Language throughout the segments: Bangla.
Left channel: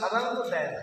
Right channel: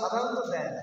সাধারণত দেয় না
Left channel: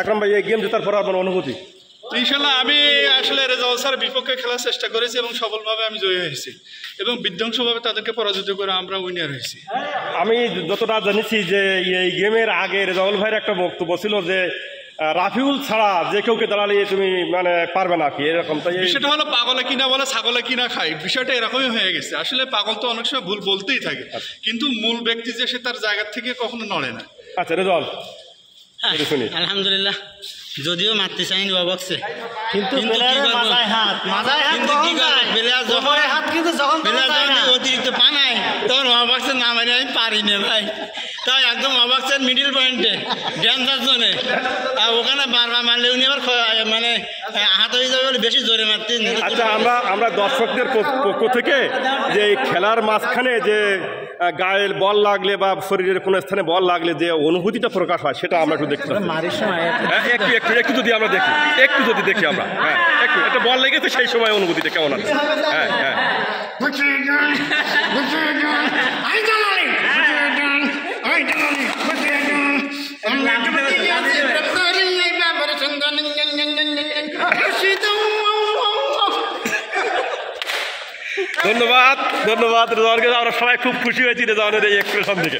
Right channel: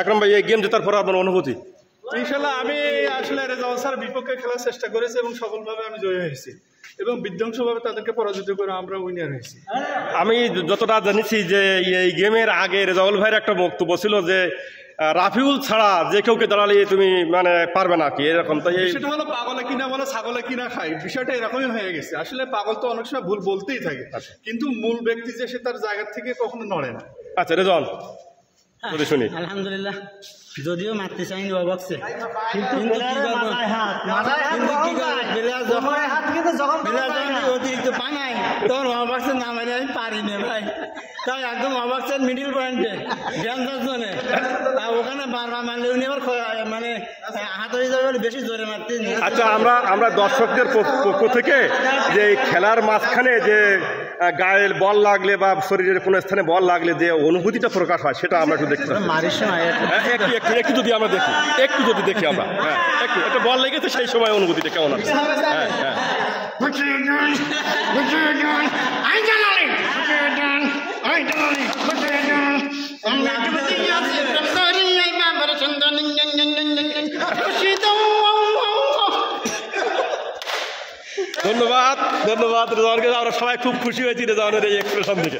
আকরাম ভাই, এই গেম জেতার পর আপনার অনুভূতি? ইনশাল্লাহ আমি আসলে রেজাউল স্যারের বিপক্ষে খেলার চেষ্টা করেছি এবং সফলভাবে আমি জয়ী হয়েছি এবং বিধ্বংসভাবে তাদেরকে পরাজিত করে আমরা উইনার হয়েছি। আমি যতটা জানিছি যে এই গেমের আগে রেজাউল ভাইয়ের একটা বক্তব্য ছিল যে রাফিউল ছাড়া যে কেউকে দাঁড়ালে তুমি মানে পারবে না কি, এরকম। তো সেটা হলো পাগলে কিনা বলে ছাগলে কিনা খায়, বিষয়টা এরকমই হয়ে গেছে। আসলে পাগল তো অনেক সময় ভুল বলতেই থাকে, কিন্তু মূল ব্যক্তি যে সে তার জায়গা থেকে কখনো নড়ে না। আচ্ছা রেজাউল, শুনি। আলহামদুলিল্লাহ, যদিও মারতে চাইনি অবশ্যই, কিন্তু কি করবো, অতিরিক্ত পানায় তখন অবাক্সের না মারি আমি পারিনি ভাই। তাই একদম অবাক্সের মিডিল পয়েন্টে ড্যান্সার জোনে, ওখানে বারবার মারলে উনি আবার মানে হাত হয়ে যাবে বলে বেশি জোরে মারতে। আচ্ছা, আমরা দর্শকদের পক্ষ থেকে যে খেলার মাঝখানে যে গায়ে বল লাগলে বা শরীরের কোনো স্থানে বল লাগলে যে অনুভূতিটা প্রকাশ হয় সেটা আমরা একটু দেখতে পাই। একটু যদি আমরা দেখি, একটু যদি দেখি আমরা, হ্যাঁ একটু একটা বল লেগেছে সেই সময় অনুভূতিটা কেমন আছে? হ্যাঁ হ্যাঁ ধন্যবাদ ধন্যবাদ রেজাউলকে। আমরা সবাই খুব খুশি হয়েছি রেজাউলের এই এক্সপ্রেশন থেকে।